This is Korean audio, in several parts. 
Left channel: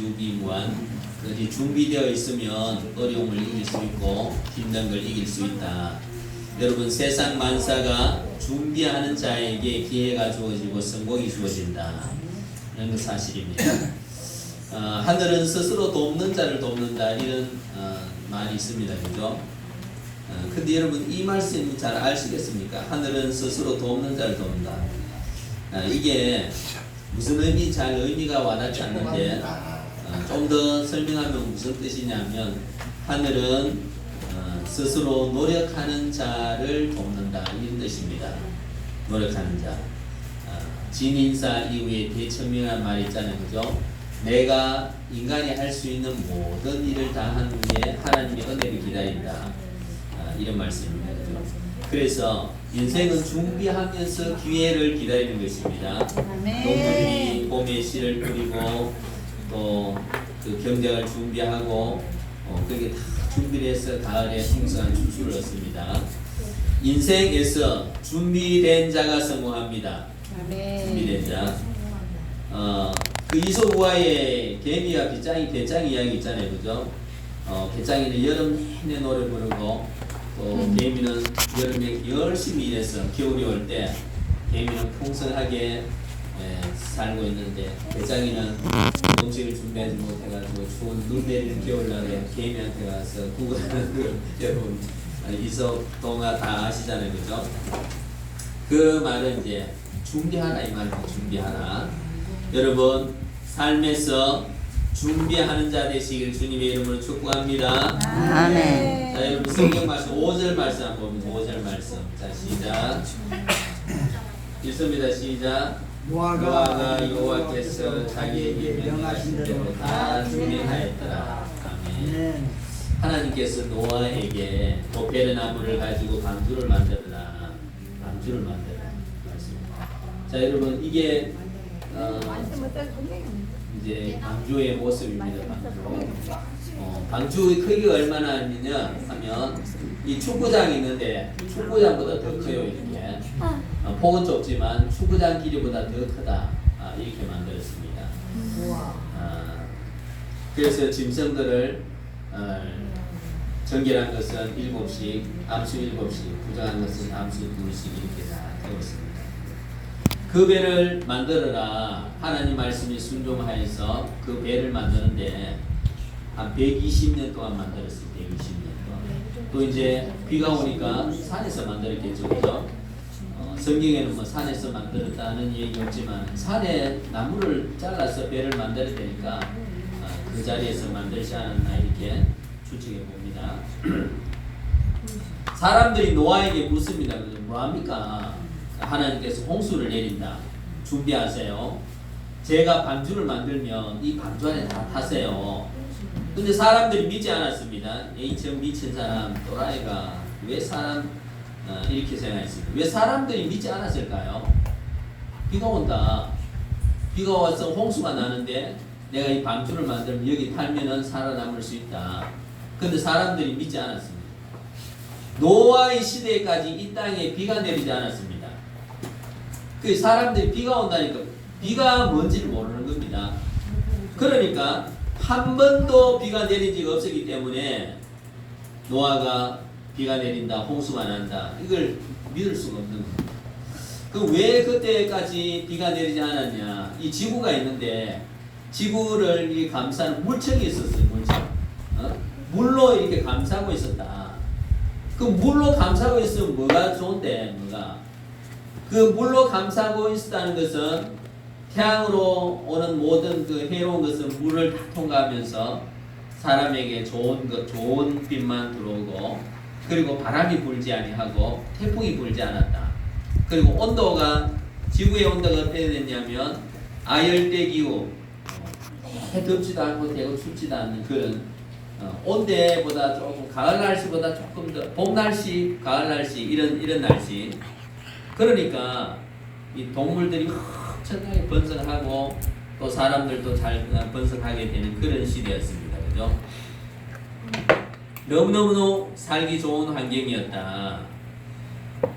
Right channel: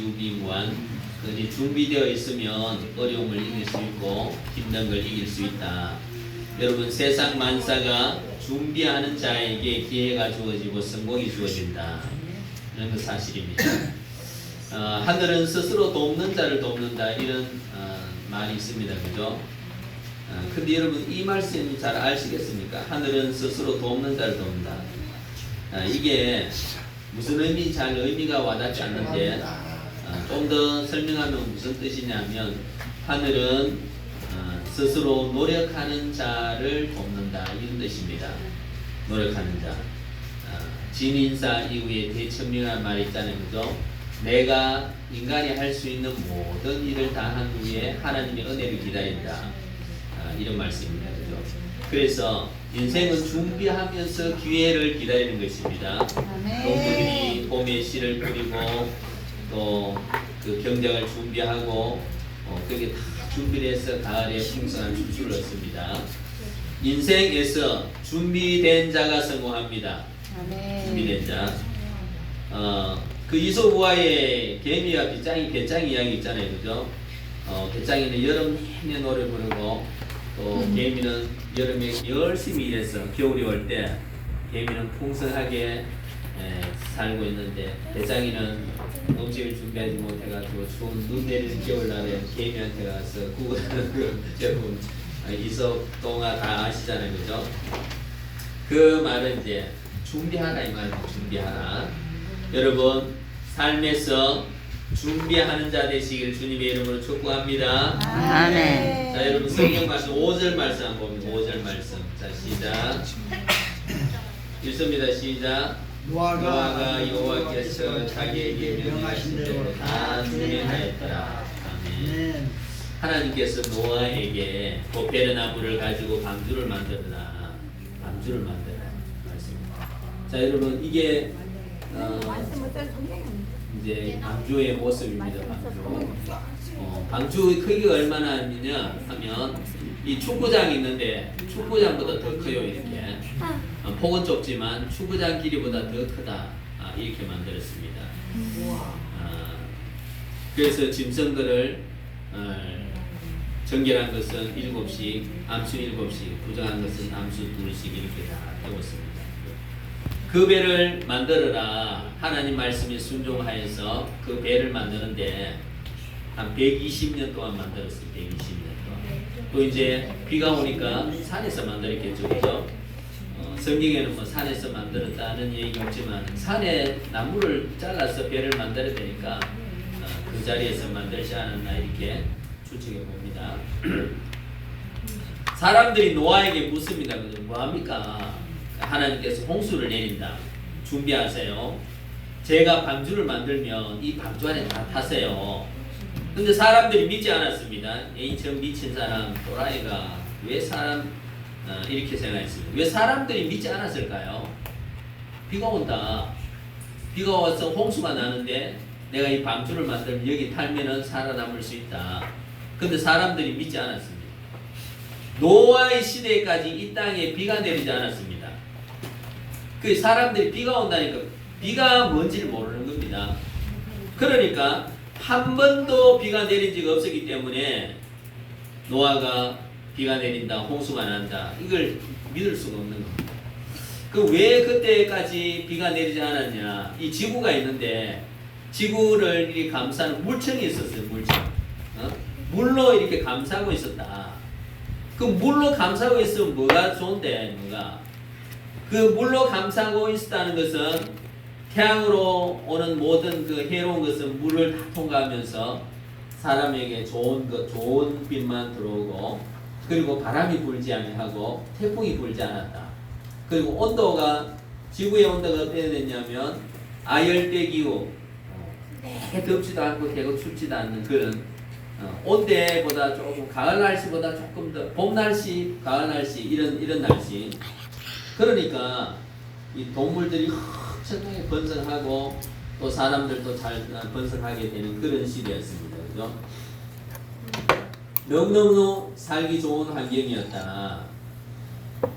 유비무한. 이제 준비되어 있으면 어려움을 이길 수 있고 힘든 걸 이길 수 있다. 여러분, 세상 만사가 준비하는 자에게 기회가 주어지고 성공이 주어진다. 이런 사실입니다. 하늘은 스스로 돕는 자를 돕는다. 이런 말이 있습니다. 그죠? 근데 여러분, 이 말씀이 잘 아시겠습니까? 하늘은 스스로 돕는 자를 돕는다. 이게 무슨 의미, 잘 의미가 와닿지 않는데 좀 더 설명하면 무슨 뜻이냐면, 하늘은 스스로 노력하는 자를 돕는다. 이런 뜻입니다. 노력하는 자. 진인사 이후에 대천명한 말이 있잖아요. 그죠? 내가 인간이 할 수 있는 모든 일을 다 한 후에 하나님의 은혜를 기다린다. 이런 말씀입니다. 그죠? 그래서 인생은 준비하면서 기회를 기다리는 것입니다. 농부들이 봄에 씨를 뿌리고 또 그 경작을 준비하고 그게 다 준비를 해서 가을에 풍성한 축수를 얻습니다. 인생에서 준비된 자가 성공합니다. 준비된 자. 그 이솝우화의 개미와 배짱 이야기 있잖아요. 그죠? 배짱이는 여름 내내 노래 부르고 또 개미는 여름에 열심히 일해서 겨울이 올 때 개미는 풍성하게 살고 있는데, 배짱이는 음식을 준비하지 못해가지고 추운 눈 내리는 겨울날에 개미한테 가서 구걸하는 그 여러분 이솝 동화 다 아시잖아요. 그죠? 그 말은 이제 준비하라 이 말입니다. 준비하라. 여러분, 삶에서 준비하는 자 되시길 주님의 이름으로 축복합니다. 아멘. 자, 여러분, 성경 말씀 5절 말씀 한번 봅니다. 5절 말씀. 자, 시작. 읽습니다. 시작. 노아가 여호와께서 자기에게 명하신 대로 다 준비하였더라. 아멘. 하나님께서 노아에게 도페르나무를 가지고 방주를 만들어라. 방주를 만들어라. 말씀입니다. 자, 여러분, 이게 이제 방주의 모습입니다. 방주. 방주의 크기가 얼마나 있느냐 하면, 이 축구장이 있는데 축구장보다 더 커요. 이렇게. 폭은 좁지만 축구장 길이보다 더 크다. 이렇게 만들었습니다. 그래서 짐승들을 정결한 것은 7씩, 암수 7씩, 부정한 것은 암수 2씩 이렇게 다 해왔습니다. 그 배를 만들어라. 하나님 말씀에 순종하여서 그 배를 만드는데 한 120년 동안 만들었어요. 120년 동안. 또 이제 비가 오니까 산에서 만들었겠죠. 그죠? 성경에는 뭐 산에서 만들었다는 얘기 없지만 산에 나무를 잘라서 배를 만들어야 되니까 그 자리에서 만들지 않았나 이렇게 추측해 봅니다. 사람들이 노아에게 묻습니다. 뭐합니까? 하나님께서 홍수를 내린다. 준비하세요. 제가 방주를 만들면 이 방주 안에 다 타세요. 근데 사람들이 믿지 않았습니다. 저 미친 사람, 또라이가 왜 사람 이렇게 생각했습니다. 왜 사람들이 믿지 않았을까요? 비가 온다. 비가 와서 홍수가 나는데 내가 이 방주를 만들면 여기 탈면은 살아남을 수 있다. 근데 사람들이 믿지 않았습니다. 노아의 시대까지 이 땅에 비가 내리지 않았습니다. 그 사람들이 비가 온다니까 비가 뭔지를 모르는 겁니다. 그러니까 한 번도 비가 내린 적이 없었기 때문에 노아가 비가 내린다, 홍수가 난다, 이걸 믿을 수가 없는 겁니다. 그 왜 그때까지 비가 내리지 않았냐? 이 지구가 있는데 지구를 이렇게 감싸는 물청이 있었어요. 물청. 물로 이렇게 감싸고 있었다. 그 물로 감싸고 있으면 뭐가 좋은데, 뭐가? 그 물로 감싸고 있었다는 것은 태양으로 오는 모든 그 해로운 것은 물을 다 통과하면서 사람에게 좋은 빛만 들어오고, 그리고 바람이 불지 아니하고 태풍이 불지 않았다. 그리고 온도가, 지구의 온도가 어떻게 됐냐면 아열대 기후, 되게 덥지도 않고 되게 춥지도 않는 그런 온대보다 조금, 가을 날씨보다 조금 더, 봄 날씨, 가을 날씨, 이런 날씨. 그러니까 이 동물들이 엄청나게 번성하고 또 사람들도 잘 번성하게 되는 그런 시대였습니다. 그죠? 너무너무 살기 좋은 환경이었다.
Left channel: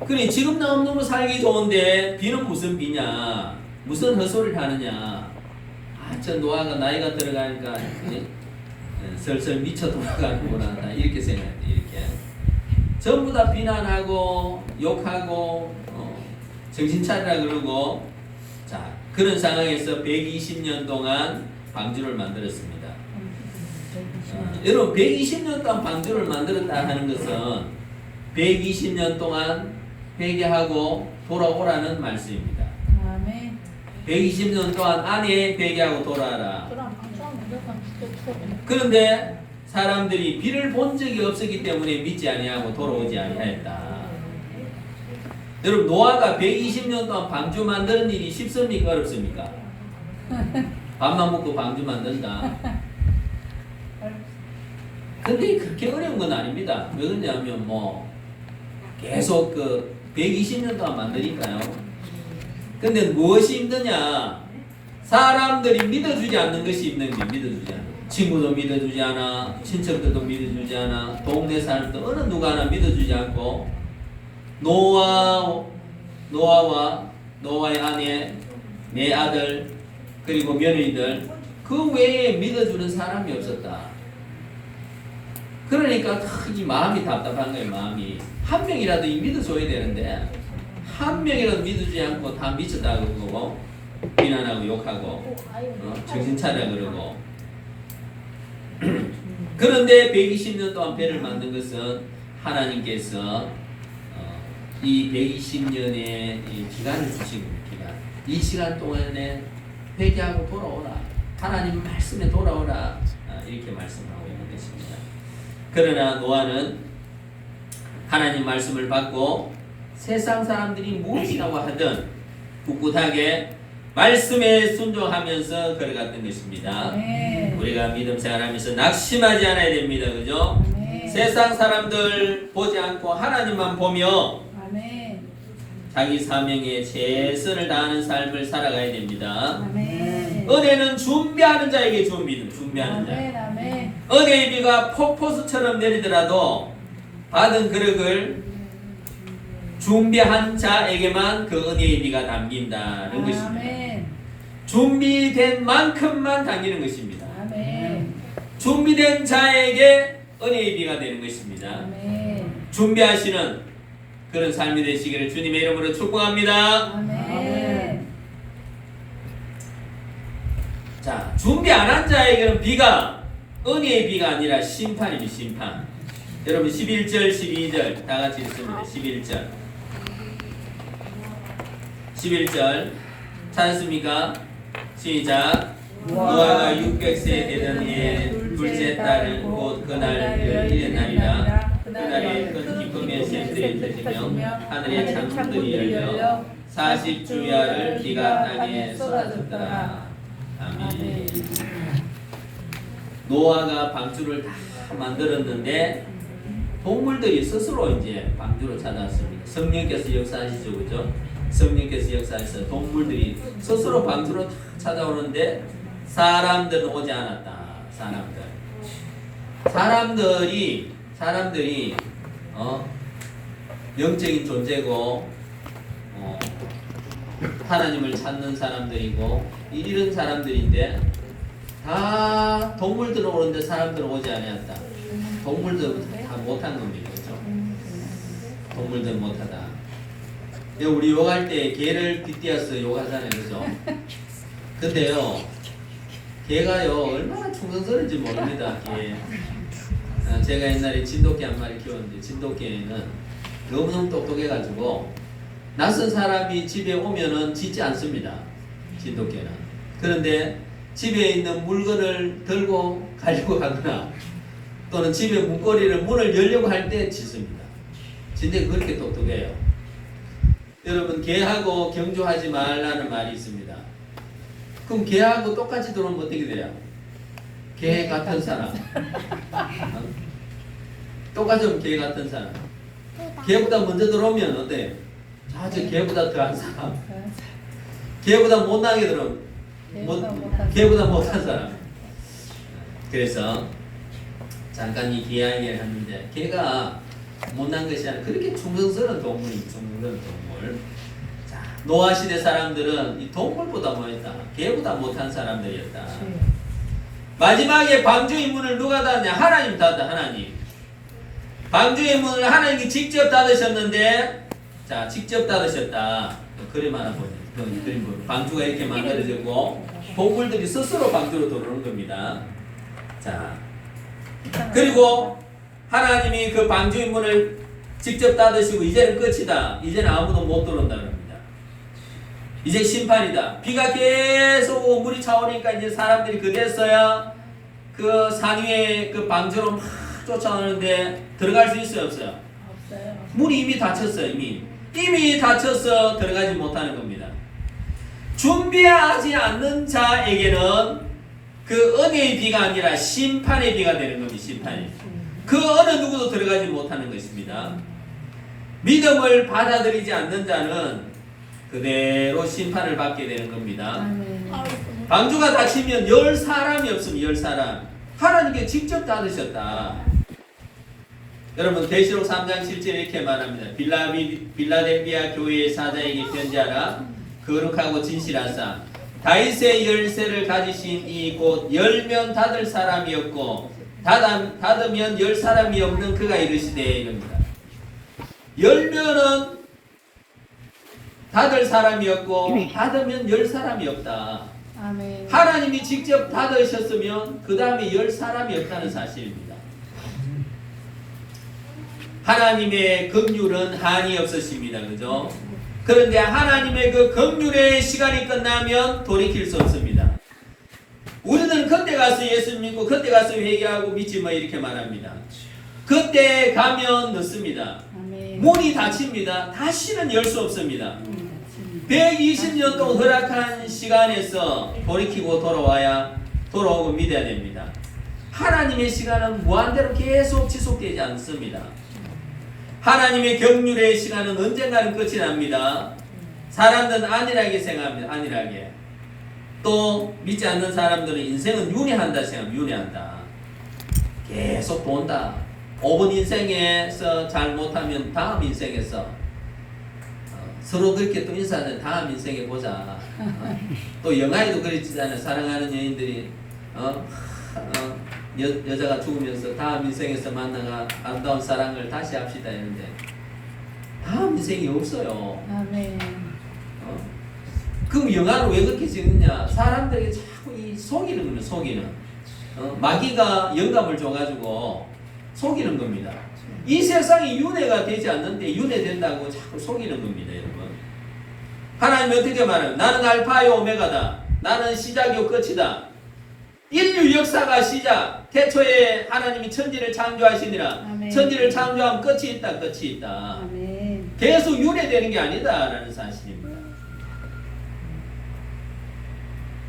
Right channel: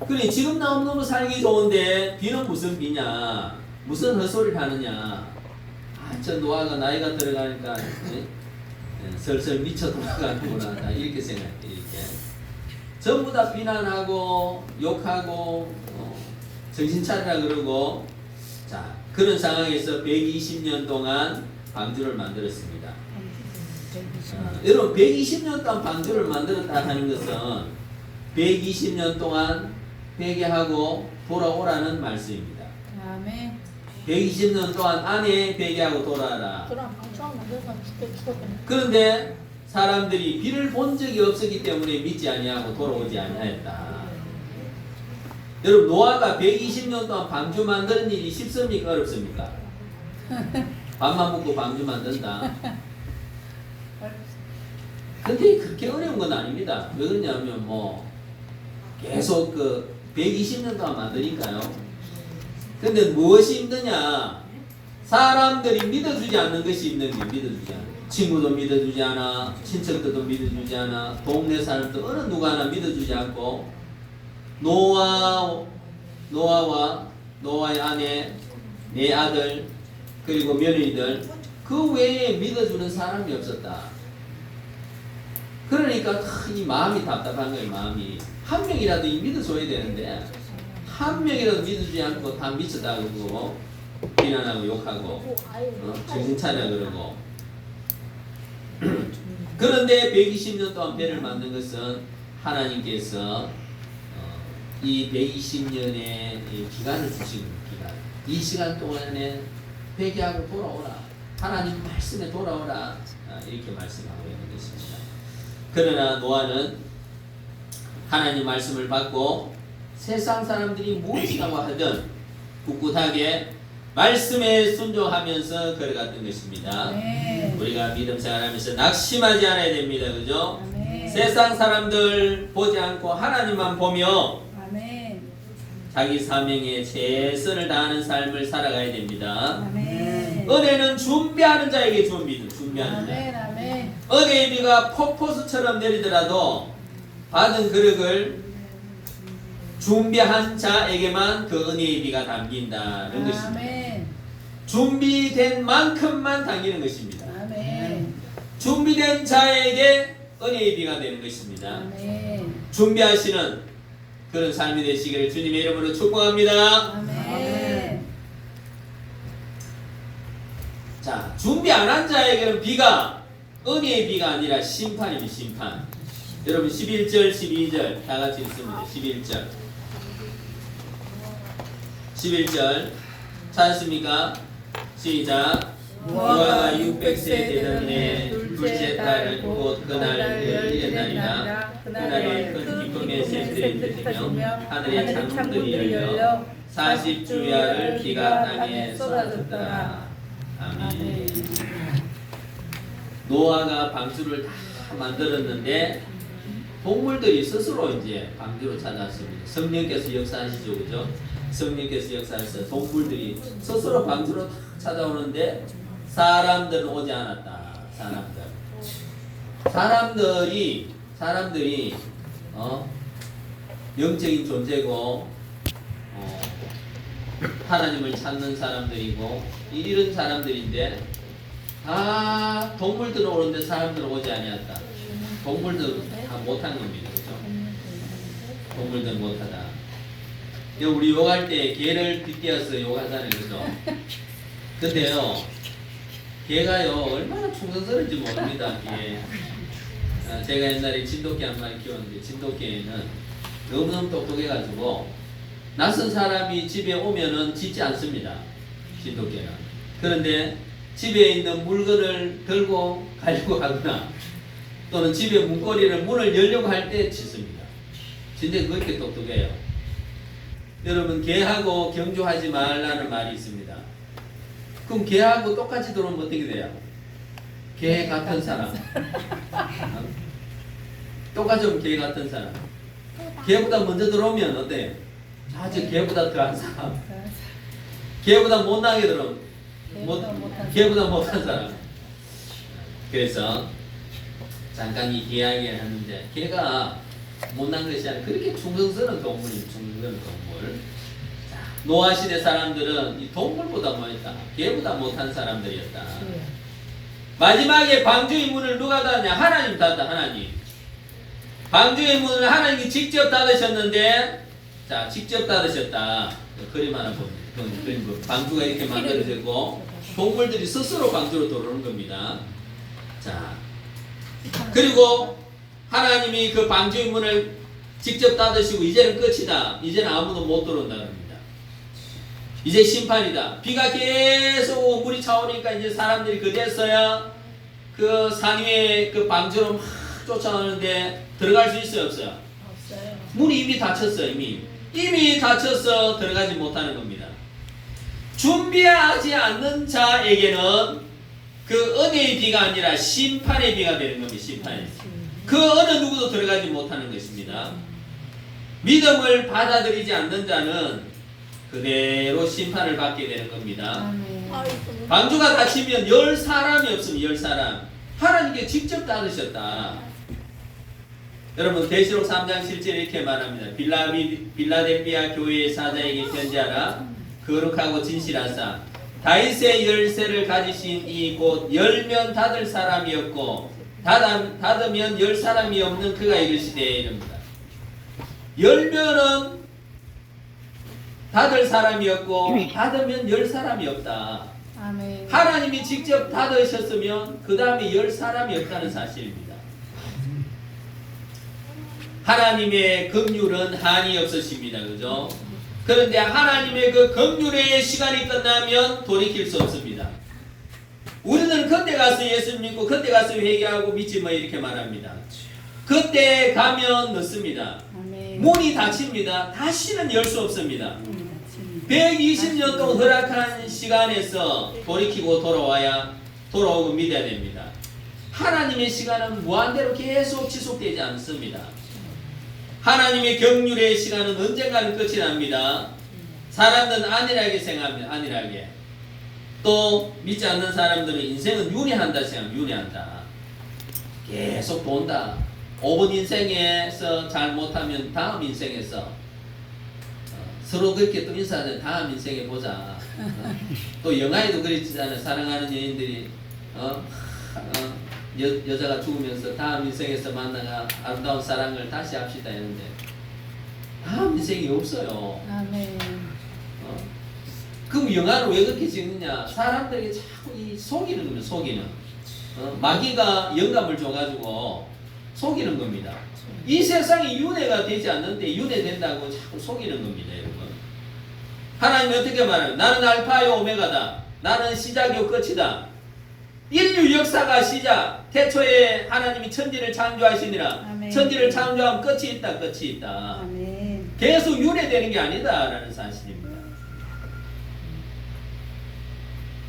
그래, 지금 너무너무 살기 좋은데 비는 무슨 비냐? 무슨 헛소리를 하느냐? 저 노아가 나이가 들어가니까 슬슬 미쳐 돌아가는구나 이렇게 생각해. 이렇게 전부 다 비난하고 욕하고 정신 차리라 그러고 자 그런 상황에서 120년 동안 방주를 만들었습니다. 여러분 120년 동안 방주를 만들었다 하는 것은 120년 동안 회개하고 돌아오라는 말씀입니다. 아멘. 120년 동안 안에 회개하고 돌아라. 그런데 사람들이 비를 본 적이 없었기 때문에 믿지 아니하고 돌아오지 아니하였다. 여러분 노아가 120년 동안 방주 만드는 일이 쉽습니까? 어렵습니까? 밥만 먹고 방주 만든다. 근데 그렇게 어려운 건 아닙니다. 왜 그러냐면 계속 120년 동안 만드니까요. 근데 무엇이 힘드냐? 사람들이 믿어주지 않는 것이 힘든 게 믿어주지 않아. 친구도 믿어주지 않아. 친척들도 믿어주지 않아. 동네 사람도 어느 누가 하나 믿어주지 않고 노아와 노아의 아내, 네 아들 그리고 며느리들 그 외에 믿어주는 사람이 없었다. 그러니까 이 마음이 답답한 거예요. 마음이 한 명이라도 믿어줘야 되는데 한 명이라도 믿어주지 않고 다 미쳤다고 그러고 비난하고 욕하고 정신 차려 그러고 그런데 120년 동안 배를 만든 것은 하나님께서 이 120년의 기간을 주시고 이 시간 동안에 회개하고 돌아오라. 하나님 말씀에 돌아오라. 이렇게 말씀하고 있는 것입니다. 그러나 노아는 하나님 말씀을 받고 세상 사람들이 무엇이라고 하든 꿋꿋하게 말씀에 순종하면서 걸어갔던 것입니다. 우리가 믿음 생활하면서 낙심하지 않아야 됩니다. 그죠? 세상 사람들 보지 않고 하나님만 보며 자기 사명에 최선을 다하는 삶을 살아가야 됩니다. 은혜는 준비하는 자에게 좋은 믿음, 준비하는 자. 은혜의 비가 폭포수처럼 내리더라도 받은 그릇을 준비한 자에게만 그 은혜의 비가 담긴다는 것입니다. 준비된 만큼만 담기는 것입니다. 준비된 자에게 은혜의 비가 되는 것입니다. 준비하시는 그런 삶이 되시기를 주님의 이름으로 축복합니다. 자, 준비 안 한 자에게는 비가 은혜의 비가 아니라 심판입니다. 심판. 여러분 11절 12절 다 같이 읽습니다. 11절 찾았습니까? 시작. 노아가 600세 되던 해에 둘째 달 곧 그날 일어나리라. 그날에 큰 기쁨의 샘들이 터지며 하늘의 창문들이 열려 40주야를 비가 땅에 쏟아졌더라. 아멘. 노아가 방주를 다 만들었는데 동물들이 스스로 이제 방주로 찾아왔습니다. 성령께서 역사하시죠, 그죠? 성령께서 역사해서 동물들이 스스로 방주로 다 찾아오는데 사람들은 오지 않았다. 사람들이 영적인 존재고 하나님을 찾는 사람들이고 이런 사람들인데 다 동물들은 오는데 사람들은 오지 아니었다. 동물들 다 못한 겁니다. 그렇죠? 동물들 못하다. 우리 욕할 때 개를 빗대어서 욕하잖아요. 그죠? 근데요 개가요 얼마나 충성스러운지 모릅니다. 개. 제가 옛날에 진돗개 한 마리 키웠는데 진돗개는 너무너무 똑똑해가지고 낯선 사람이 집에 오면은 짖지 않습니다. 진돗개는. 그런데 집에 있는 물건을 들고 가려고 하거나 또는 집에 문을 열려고 할 때 짖습니다. 진짜 그렇게 똑똑해요. 여러분 개하고 경주하지 말라는 말이 있습니다. 그럼 개하고 똑같이 들어오면 어떻게 돼요? 개 같은 사람. 똑같이 오면 개 같은 사람. 개보다 먼저 들어오면 어때? 아주 개보다 더한 사람. 개보다 못나게 들어오면 개보다 못한 사람. 그래서 잠깐 이 개 이야기를 했는데 개가 못난 것이 아니라 그렇게 충성스러운 동물입니다. 충성스러운 동물. 자, 노아 시대 사람들은 이 동물보다 뭐였다? 개보다 못한 사람들이었다. 마지막에 방주의 문을 누가 닫냐? 하나님 닫다. 하나님. 방주의 문을 하나님이 직접 닫으셨는데, 자, 직접 닫으셨다. 그림 하나 보세요. 방주가 이렇게 만들어졌고 동물들이 스스로 방주로 들어오는 겁니다. 자, 그리고 하나님이 그 방주의 문을 직접 닫으시고 이제는 끝이다. 이제는 아무도 못 들어온다는 겁니다. 이제 심판이다. 비가 계속 오고 물이 차오니까 이제 사람들이 그제서야 그 산 위에 그 방주로 막 쫓아오는데 들어갈 수 있어요, 없어요? 없어요. 문이 이미 닫혔어요. 이미 닫혀서 들어가지 못하는 겁니다. 준비하지 않는 자에게는 그 은혜의 비가 아니라 심판의 비가 되는 겁니다. 심판의. 그 어느 누구도 들어가지 못하는 것입니다. 믿음을 받아들이지 않는 자는 그대로 심판을 받게 되는 겁니다. 방주가 닫히면 10사람이 없으면 10사람. 하나님께 직접 닫으셨다. 여러분 계시록 3장 7절에 이렇게 말합니다. 빌라델비아 교회의 사자에게 편지하라. 거룩하고 진실하사 다윗의 열쇠를 가지신 이 곧 열면 닫을 사람이 없고 닫으면 열 사람이 없는 그가 이르시되 이럽니다. 열면은 닫을 사람이 없고 닫으면 열 사람이 없다. 아멘. 하나님이 직접 닫으셨으면 그 다음에 열 사람이 없다는 사실입니다. 하나님의 긍휼은 한이 없으십니다. 그죠? 그런데 하나님의 그 긍휼의 시간이 끝나면 돌이킬 수 없습니다. 우리는 그때 가서 예수 믿고 그때 가서 회개하고 믿지 뭐 이렇게 말합니다. 그때 가면 늦습니다. 아멘. 문이 닫힙니다. 다시는 열 수 없습니다. 120년 동안 허락한 시간에서 돌이키고 돌아오고 믿어야 됩니다. 하나님의 시간은 무한대로 계속 지속되지 않습니다. 하나님의 경륜의 시간은 언젠가는 끝이 납니다. 사람들은 안일하게 생각합니다. 안일하게. 또 믿지 않는 사람들은 인생은 윤회한다 생각합니다. 윤회한다. 계속 돈다. 5번 인생에서 잘못하면 다음 인생에서 서로 그렇게 또 인사하는 다음 인생에 보자. 또 영화에도 그랬잖아요. 사랑하는 여인들이 여자가 죽으면서 다음 인생에서 만나가 아름다운 사랑을 다시 합시다 했는데 다음 인생이 없어요. 아멘. 그 영화를 왜 그렇게 찍느냐? 사람들에게 자꾸 이 속이는 겁니다. 속이는. 마귀가 영감을 줘가지고 속이는 겁니다. 이 세상이 윤회가 되지 않는데 윤회된다고 자꾸 속이는 겁니다. 여러분. 하나님이 어떻게 말하면 나는 알파요 오메가다. 나는 시작이요 끝이다. 인류 역사가 시작. 태초에 하나님이 천지를 창조하시니라. 아멘. 천지를 창조하면 끝이 있다. 끝이 있다. 아멘. 계속 윤회되는 게 아니다라는 사실입니다.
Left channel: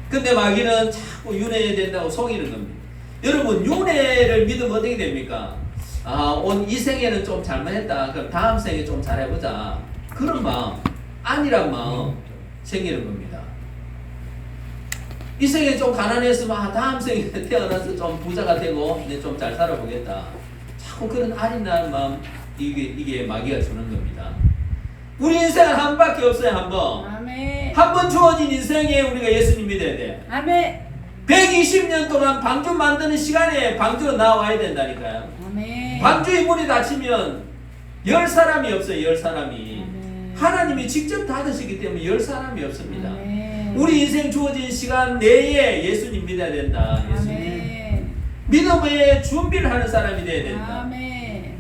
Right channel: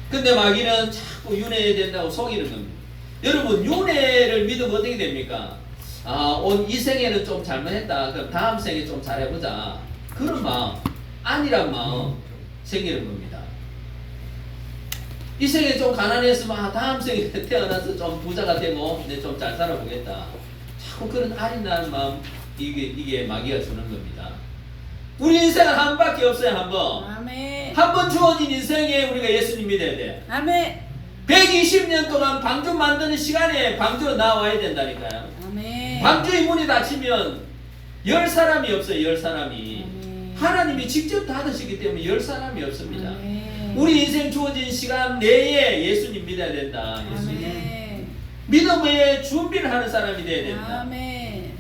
근데 마귀는 자꾸 윤회된다고 속이는 겁니다. 여러분 윤회를 믿으면 어떻게 됩니까? 온 이 생에는 좀 잘못했다. 그럼 다음 생에 좀 잘해보자. 그런 마음, 안일한 마음 생기는 겁니다. 이 생에 좀 가난했으면 다음 생에 태어나서 좀 부자가 되고 내 좀 잘 살아보겠다. 자꾸 그런 아린다는 마음 이게 마귀가 주는 겁니다. 우리 인생은 한 밖에 없어요. 한 번. 아멘. 한 번 주어진 인생에 우리가 예수님 믿어야 돼. 아멘. 120년 동안 방주 만드는 시간에 방주로 나와야 된다니까요. 아멘. 방주의 문이 닫히면 10사람이 없어요. 10사람이. 아멘. 하나님이 직접 닫으시기 때문에 10사람이 없습니다. 아멘. 우리 인생 주어진 시간 내에 예수님 믿어야 된다. 예수님. 아멘. 믿음의 준비를 하는 사람이 돼야 된다. 아멘.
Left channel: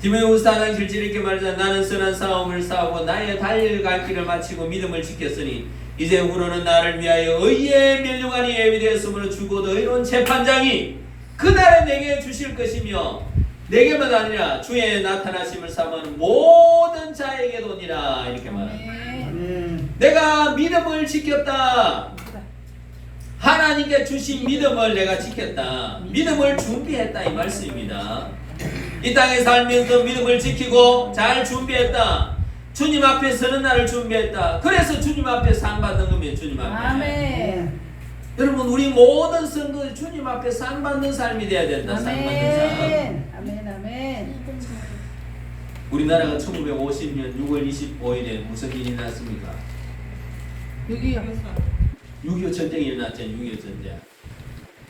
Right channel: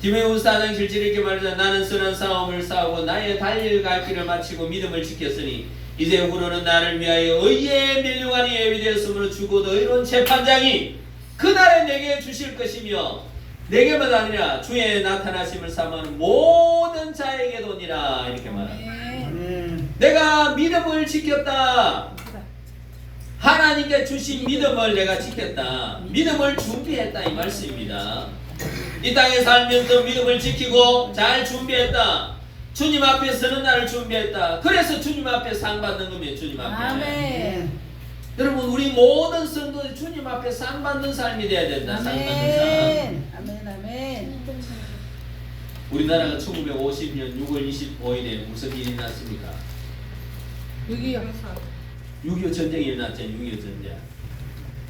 디모데후서 4장 7절 이렇게 말하자. 나는 선한 싸움을 싸우고 나의 달려갈 길을 마치고 믿음을 지켰으니 이제 후로는 나를 위하여 의의 멸류관이 예비되었으므로 죽어도 의로운 재판장이 그날에 내게 주실 것이며 내게만 아니라 주의 나타나심을 사모하는 모든 자에게도니라. 이렇게 말합니다. 아멘. 내가 믿음을 지켰다. 하나님께 주신 믿음을 내가 지켰다. 믿음을 준비했다 이 말씀입니다. 이 땅에 살면서 믿음을 지키고 잘 준비했다. 주님 앞에 서는 날을 준비했다. 그래서 주님 앞에 상 받는 겁니다. 주님 앞에. 아멘. 여러분 우리 모든 성도들 주님 앞에 상 받는 삶이 돼야 된다. 상 받는 삶. 아멘. 아멘. 아멘. 우리나라가 1950년 6월 25일에 무슨 일이 났습니까? 6.25 6.25 전쟁이 일어났죠. 6.25 전쟁.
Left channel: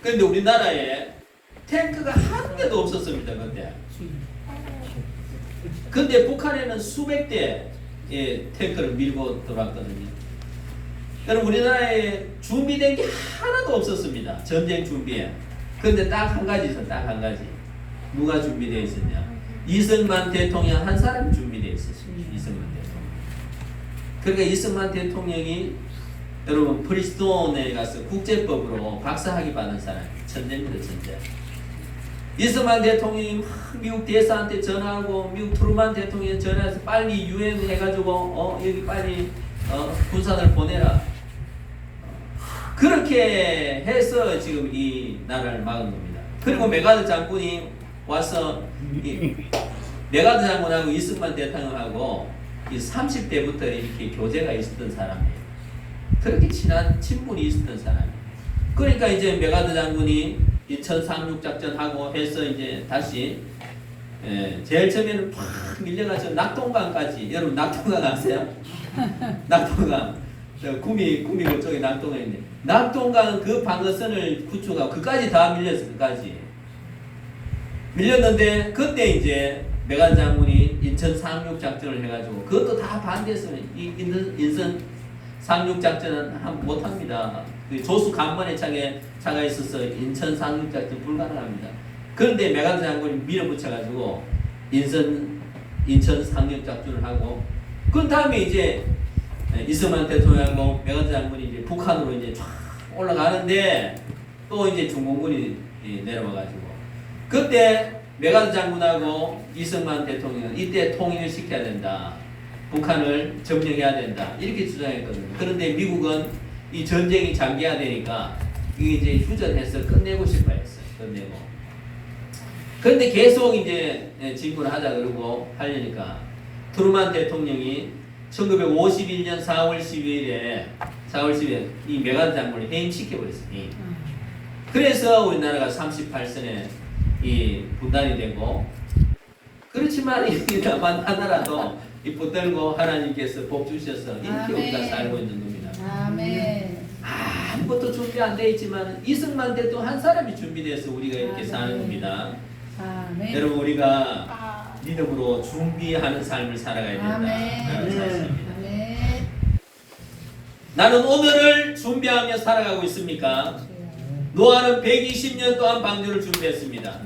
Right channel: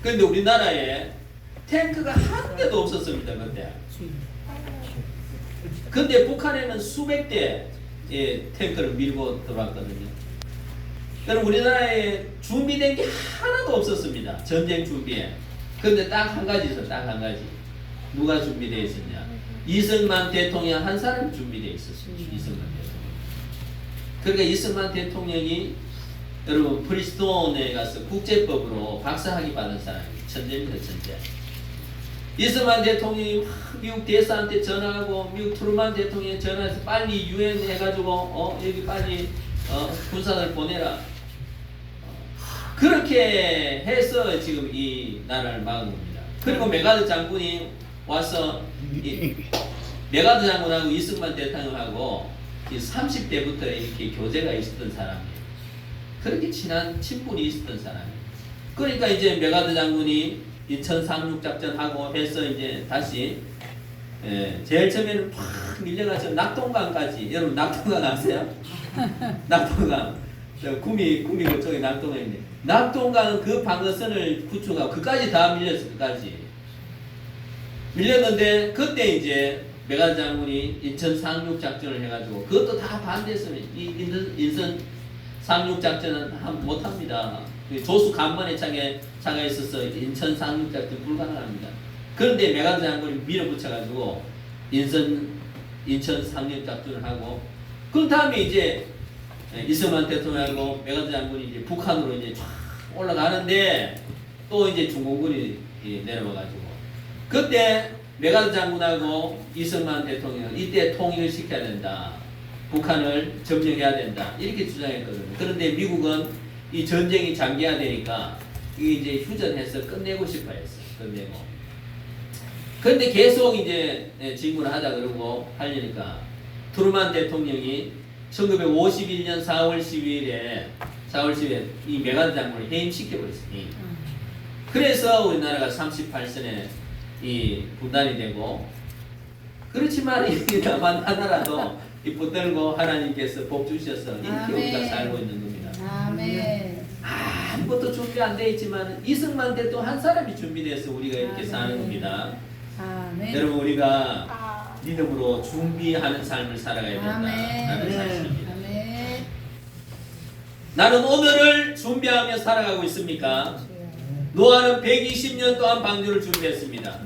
그런데 우리나라에 탱크가 한 대도 없었습니다. 그때. 근데 북한에는 수백 대의 탱크를 밀고 들어왔거든요. 그럼 우리나라에 준비된 게 하나도 없었습니다. 전쟁 준비에. 근데 딱 한 가지 있어. 딱 한 가지. 누가 준비되어 있었냐? 이승만 대통령 한 사람이 준비되어 있었어요. 이승만 대통령. 그러니까 이승만 대통령이 여러분 프리스톤에 가서 국제법으로 박사학위 받은 사람이에요. 천재입니다. 천재. 이승만 대통령이 막 미국 대사한테 전화하고 미국 트루만 대통령이 전화해서 빨리 유엔 해가지고 여기 빨리 군사를 보내라. 그렇게 해서 지금 이 나라를 막은 겁니다. 그리고 메가드 장군이 와서 메가드 장군하고 이승만 대통령하고 30대부터 이렇게 교제가 있었던 사람이에요. 그렇게 친한 친분이 있었던 사람이에요. 그러니까 이제 메가드 장군이 인천 상륙작전하고 해서 이제 다시 제일 처음에는 팍 밀려가서 낙동강까지. 여러분 낙동강 아세요? 낙동강 구미 그쪽에 낙동강 있네. 낙동강 그 방어선을 구축하고 그까지 다 밀렸어. 그까지 밀렸는데 그때 이제 메가드 장군이 인천 상륙작전을 해가지고 그것도 다 반대했어요. 이 인천 상륙작전은 못합니다. 조수 간만에 차가 있어서 인천 상륙작전 불가능합니다. 그런데 메가드 장군이 밀어붙여가지고 인천 상륙작전을 하고 그 다음에 이제 이승만 대통령하고 메가드 장군이 이제 북한으로 이제 쫙 올라가는데 또 이제 중공군이 내려와가지고 그때 메가드 장군하고 이승만 대통령은 이때 통일을 시켜야 된다. 북한을 점령해야 된다. 이렇게 주장했거든요. 그런데 미국은 이 전쟁이 장기화되니까 이게 이제 휴전해서 끝내고 싶어 했어요. 끝내고. 그런데 계속 이제 진군을 하자 그러고 하려니까 트루만 대통령이 1951년 4월 12일에 이 메가드 장군을 해임시켜버렸어요. 그래서 우리나라가 38선에 이 분단이 되고 그렇지만 이나만 하나라도 이 붙들고 하나님께서 복 주셔서 이렇게 아멘. 우리가 살고 있는 겁니다. 아멘. 아무것도 준비 안 돼 있지만 이승만 대통령 한 사람이 준비돼서 우리가 이렇게 사는 겁니다. 아멘. 여러분 우리가 믿음으로 준비하는 삶을 살아가야 된다. 나는 사실입니다. 아멘. 나는 오늘을 준비하며 살아가고 있습니까? 노아는 120년 동안 방주를 준비했습니다.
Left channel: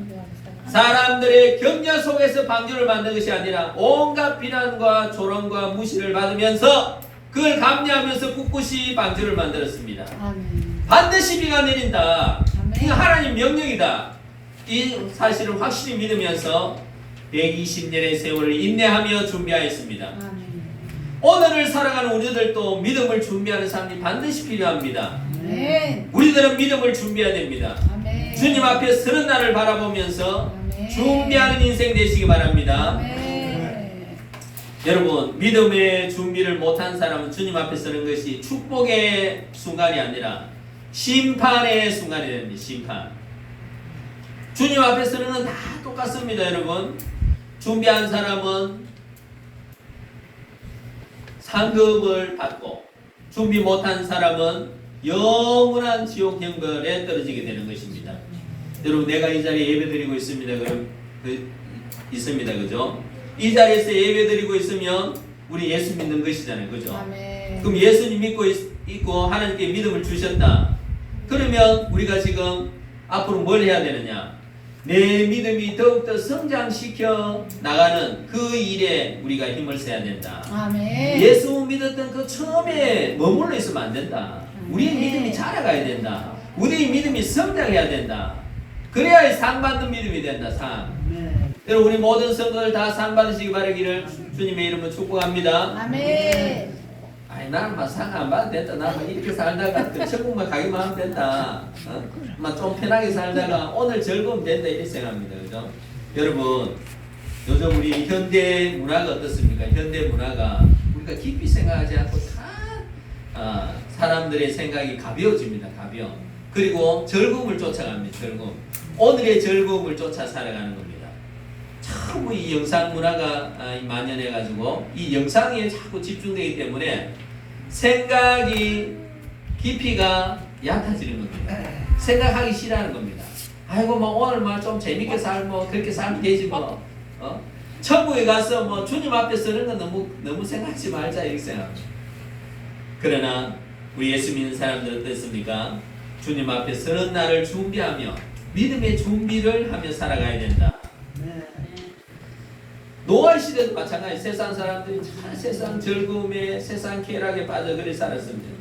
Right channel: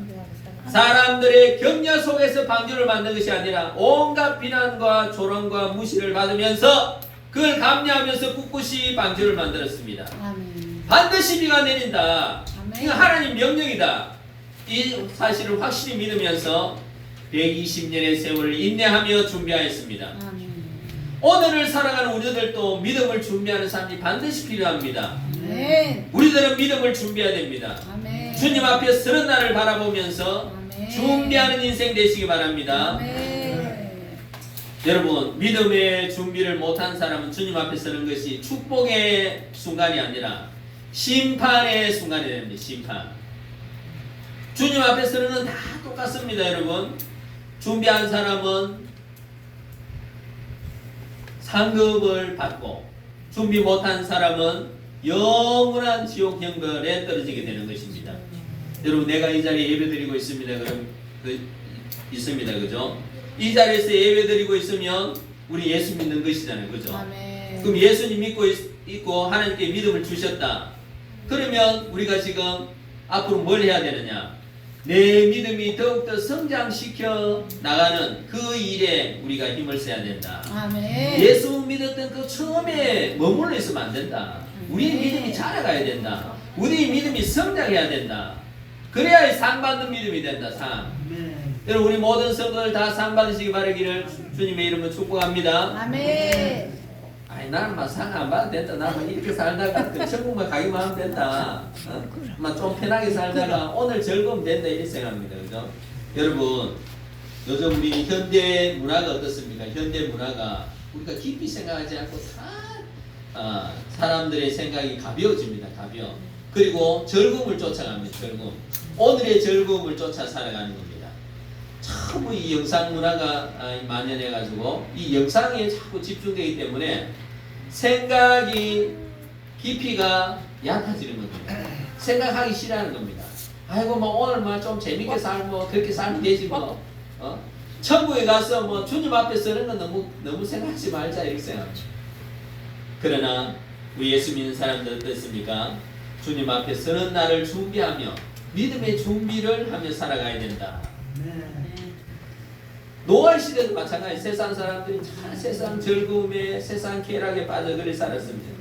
사람들의 격려 속에서 방주를 만든 것이 아니라 온갖 비난과 조롱과 무시를 받으면서 그걸 감내하면서 꿋꿋이 방주를 만들었습니다. 아멘. 반드시 비가 내린다. 아멘. 이거 하나님 명령이다. 이 사실을 확실히 믿으면서 120년의 세월을 인내하며 준비하였습니다. 아멘. 오늘을 살아가는 우리들도 믿음을 준비하는 사람이 반드시 필요합니다. 아멘. 우리들은 믿음을 준비해야 됩니다. 아멘. 주님 앞에 서는 날을 바라보면서 아멘. 준비하는 인생 되시기 바랍니다. 아멘. 여러분 믿음의 준비를 못한 사람은 주님 앞에 서는 것이 축복의 순간이 아니라 심판의 순간이 됩니다. 심판. 주님 앞에 서는 건 다 똑같습니다. 여러분 준비한 사람은 상급을 받고 준비 못한 사람은 영원한 지옥 형벌에 떨어지게 되는 것입니다. 여러분 내가 이 자리에 예배드리고 있습니다. 있습니다. 그죠? 이 자리에서 예배드리고 있으면 우리 예수 믿는 것이잖아요. 그죠? 아멘. 그럼 예수님 믿고 있고 하나님께 믿음을 주셨다. 그러면 우리가 지금 앞으로 뭘 해야 되느냐? 내 믿음이 더욱더 성장시켜 나가는 그 일에 우리가 힘을 써야 된다. 아멘. 예수 믿었던 그 처음에 머물러 있으면 안 된다. 우리의 믿음이 자라가야 된다. 우리의 믿음이 성장해야 된다. 그래야 상 받는 믿음이 된다. 상. 여러분 우리 모든 성도들 다 상 받으시기 바라기를 주님의 이름으로 축복합니다. 아멘. 아니 나는 막 상 안 받아도 된다. 나는 이렇게 살다가 천국만 가기만 하면 된다. 좀 편하게 살다가 오늘 즐거우면 된다 이렇게 생각합니다. 그죠? 여러분 요즘 우리 현대 문화가 어떻습니까? 현대 문화가 우리가 깊이 생각하지 않고 다 사람들의 생각이 가벼워집니다. 가벼워. 그리고 즐거움을 쫓아갑니다. 즐거움. 오늘의 즐거움을 쫓아 살아가는 겁니다. 참 이 영상 문화가 만연해가지고 이 영상에 자꾸 집중되기 때문에 생각이 깊이가 얕아지는 겁니다. 생각하기 싫어하는 겁니다. 아이고 뭐 오늘 뭐 좀 재밌게 살고 그렇게 살면 되지 뭐. 천국에 가서 뭐 주님 앞에 서는 건 너무 생각하지 말자 이렇게 생각합니다. 그러나 우리 예수 믿는 사람들 어떻습니까? 주님 앞에 서는 날을 준비하며 믿음의 준비를 하며 살아가야 된다. 노아의 시대도 마찬가지. 세상 사람들이 참 세상 즐거움에 세상 쾌락에 빠져 그리 살았습니다.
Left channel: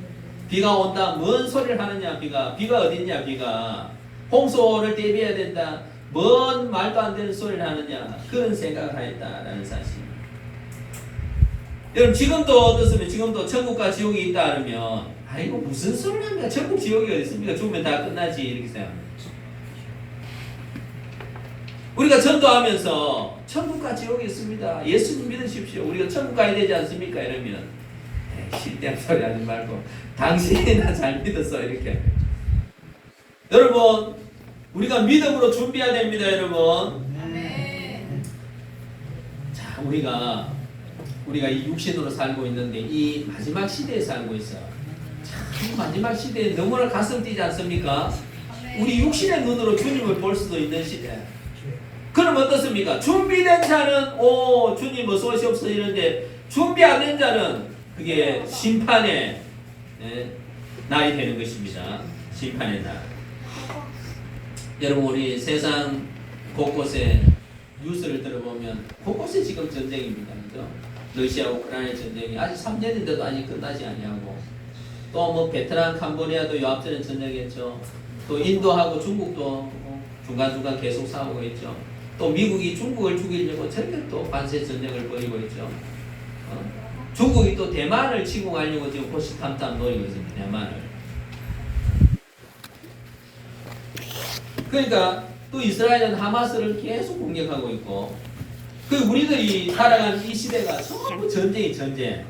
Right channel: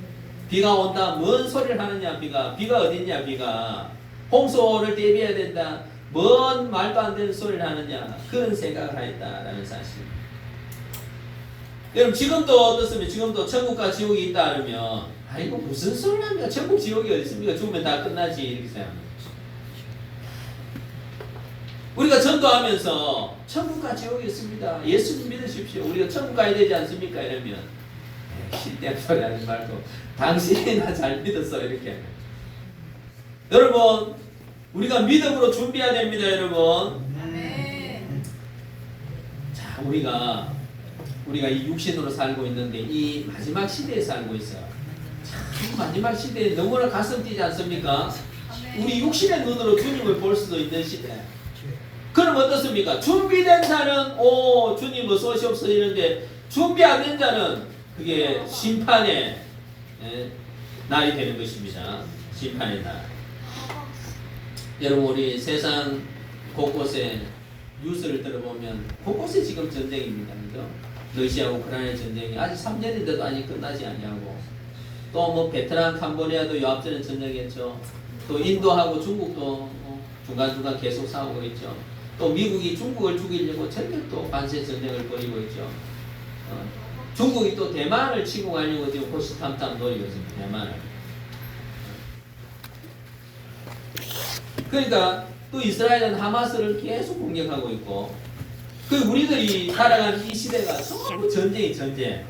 비가 온다. 뭔 소리를 하느냐 비가 어딨냐 비가. 홍수를 대비해야 된다. 뭔 말도 안 되는 소리를 하느냐. 그런 생각을 하였다라는 사실. 여러분 지금도 어떻습니까? 지금도 천국과 지옥이 있다 하면 아이고 무슨 소리를 합니까? 천국 지옥이 어디 있습니까? 죽으면 다 끝나지 이렇게 생각합니다. 우리가 전도하면서 천국과 지옥이 있습니다. 예수님 믿으십시오. 우리가 천국 가야 되지 않습니까? 이러면 실대한 소리 하지 말고 당신이나 잘 믿었어 이렇게. 여러분 우리가 믿음으로 준비해야 됩니다. 여러분. 자 우리가 이 육신으로 살고 있는데 이 마지막 시대에 살고 있어요. 참 마지막 시대에 너무나 가슴 뛰지 않습니까? 우리 육신의 눈으로 주님을 볼 수도 있는 시대. 그럼 어떻습니까? 준비된 자는 오 주님 어서 오시옵소서 이런데 준비 안 된 자는 그게 심판의 날이 되는 것입니다. 심판의 날. 여러분 우리 세상 곳곳에 뉴스를 들어보면 곳곳에 지금 전쟁입니다. 그죠? 러시아 우크라이나 전쟁이 아직 3년인데도 아직 끝나지 아니하고 또 뭐 베트남 캄보디아도 요 앞전에 전쟁했죠. 또 인도하고 중국도 중간중간 계속 싸우고 있죠. 또 미국이 중국을 죽이려고 전격 또 관세 전쟁을 벌이고 있죠. 중국이 또 대만을 치고 가려고 지금 호시탐탐 노리고 있습니다. 대만을. 그러니까 또 이스라엘은 하마스를 계속 공격하고 있고 그 우리들이 살아가는 이 시대가 전부 전쟁이 전쟁.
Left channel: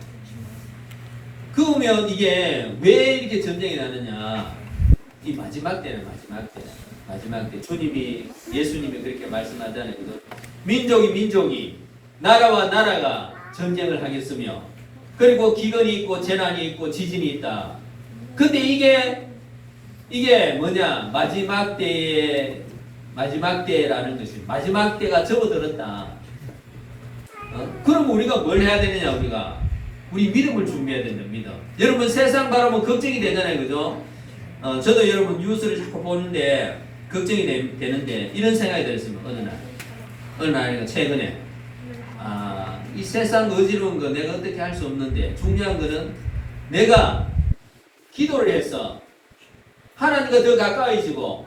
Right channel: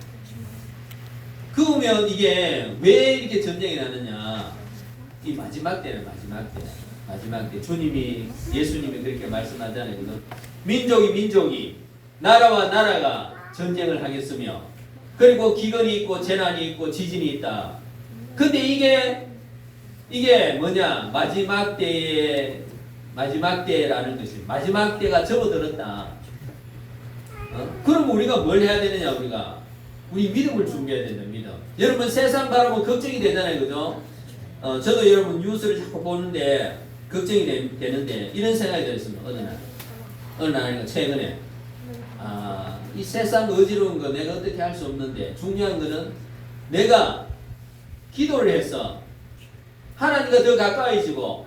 그러면 이게 왜 이렇게 전쟁이 나느냐? 이 마지막 때는 마지막 때 주님이 예수님이 그렇게 말씀하잖아요. 민족이 나라와 나라가 전쟁을 하겠으며 그리고 기근이 있고 재난이 있고 지진이 있다. 근데 이게 뭐냐? 마지막 때라는 것이 마지막 때가 접어들었다. 그럼 우리가 뭘 해야 되느냐? 우리 믿음을 준비해야 된다. 믿음. 여러분 세상 바라보면 걱정이 되잖아요. 그죠? 저도 여러분 뉴스를 자꾸 보는데 걱정이 되는데 이런 생각이 들었습니다. 어느 날 최근에 이 세상 어지러운 거 내가 어떻게 할 수 없는데 중요한 거는 내가 기도를 해서 하나님과 더 가까이지고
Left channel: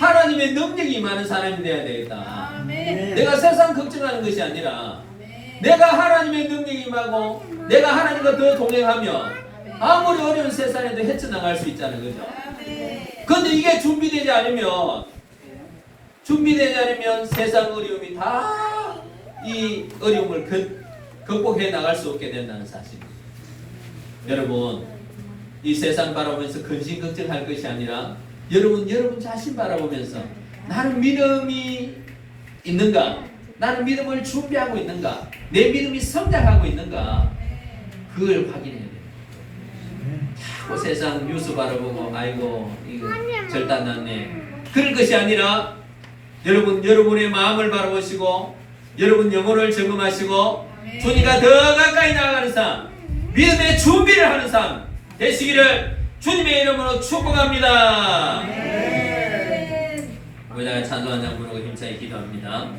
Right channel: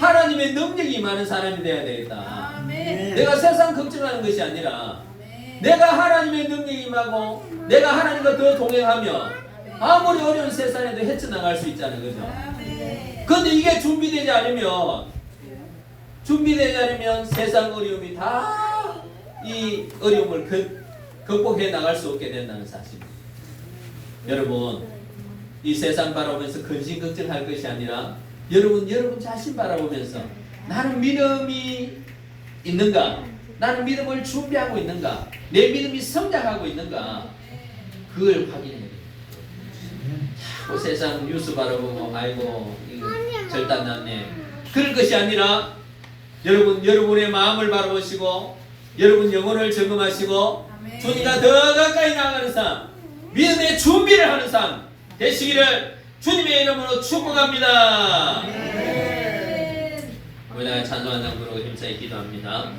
하나님의 능력이 많은 사람이 되어야 되겠다. 내가 세상 걱정하는 것이 아니라 내가 하나님의 능력이 임하고 내가 하나님과 더 동행하며 아무리 어려운 세상에도 헤쳐나갈 수 있다는 거죠. 그런데 이게 준비되지 않으면 세상 어려움이 다 이 어려움을 극복해 나갈 수 없게 된다는 사실입니다. 여러분 이 세상 바라보면서 근심 걱정할 것이 아니라 여러분 자신 바라보면서 나는 믿음이 있는가? 나는 믿음을 준비하고 있는가? 내 믿음이 성장하고 있는가? 그걸 확인해야 돼요. 자꾸 세상 뉴스 바라보고 아이고 이거 절단 났네. 그럴 것이 아니라 여러분의 마음을 바라보시고 여러분 영혼을 점검하시고 주님과 더 가까이 나아가는 삶, 믿음의 준비를 하는 삶 되시기를 주님의 이름으로 축복합니다. 우리가 찬송한 장 부르고 힘차게 기도합니다.